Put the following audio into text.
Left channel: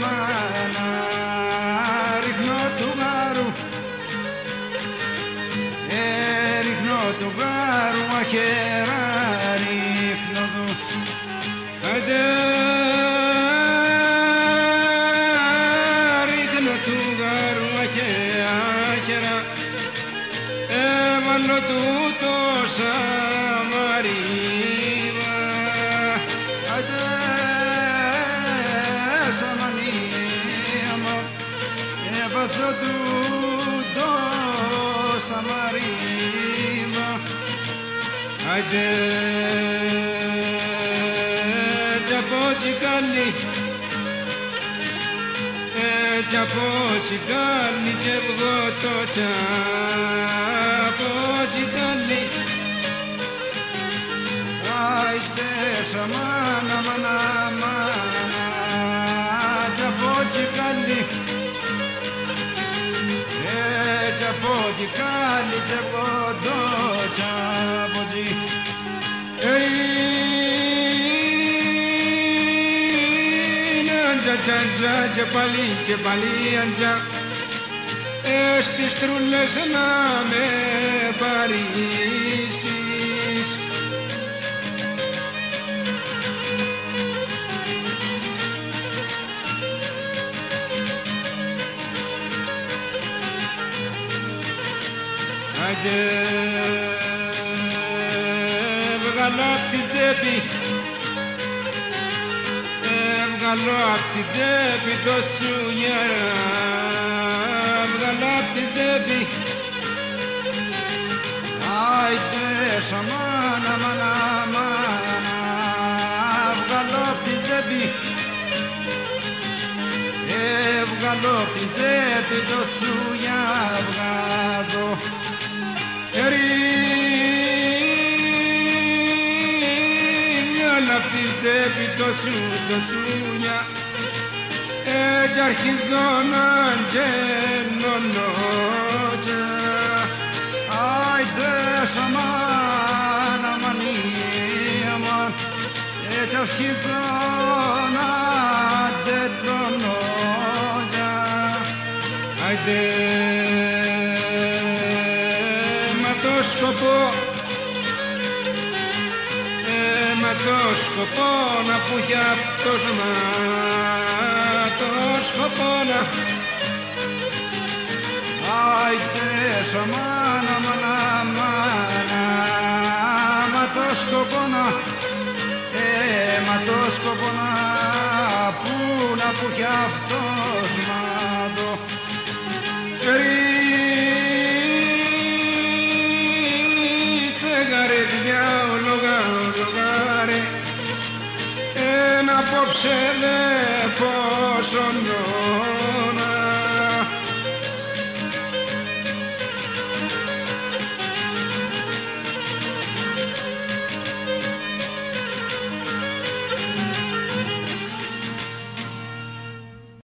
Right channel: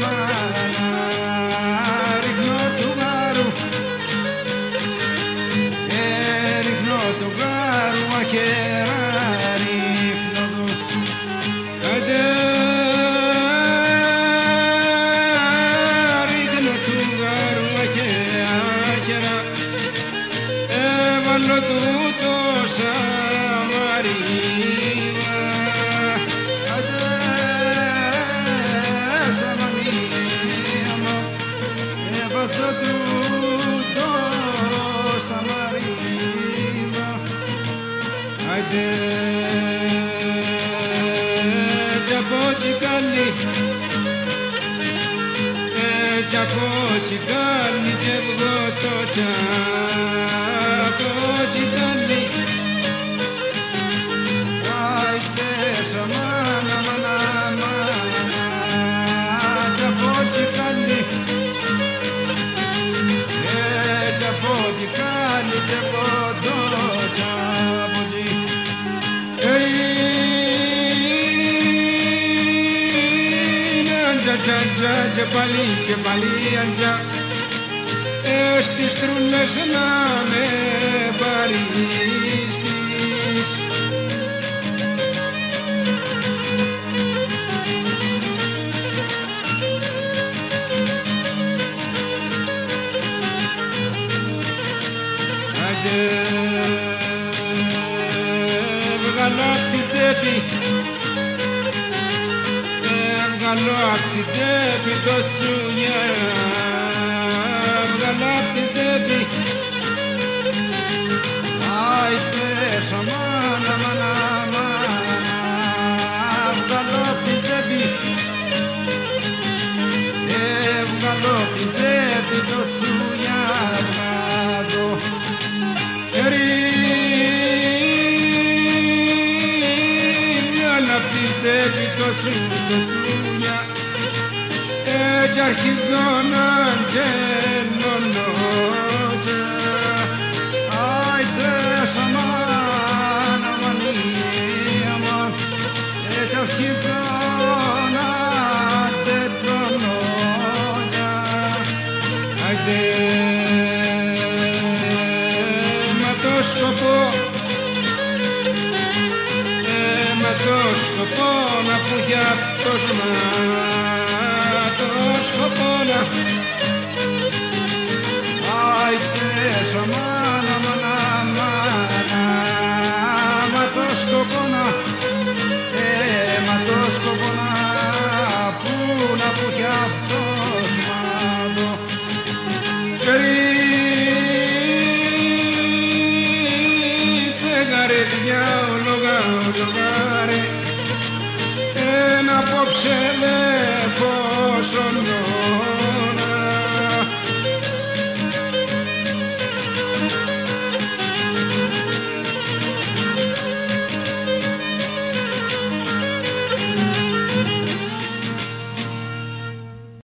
μάνα ρίχνω του γάρου ρίχνω του γάρου αχέρα ρίχνω του άντε ρίχνω του γάρου αχέρα έβαλω του τόσα μαρίμα άντε έβαλω του τόσα μαρίμα άντε τζαμπότσικάλι τζαμπότσικάλι και βγω το τζαμπότσικάλι άιτε σαμάνα μάνα μάνα τζαμπότσικάλι τζαμπότσικάλι και βγω το τζαμπότσικάλι και πάλι αντζα στις τρούλες να με παρίστης άντε βγάλω απ' τη τσέπη βγάλω απ' τη τσέπη το σουνιά βγάλω απ' τη τσέπη άιτε σαμάνα μάνα μάνα βγάλω απ' τη τσέπη βγάλω απ' τη τσέπη το σουνιά βγάζω απ' τη τσέπη το σουνιά έτσι αρχίζω να γελώνω άιτε σαμάνα μανία μαν έτσι αρχίζω να γελώνω άιτε μα το σκοπό το σκοπό να που γι' αυτός μα το σκοπό να άιτε σαμάνα μάνα μάνα μα το σκοπό να μα το σκοπό να που γι' αυτός μα το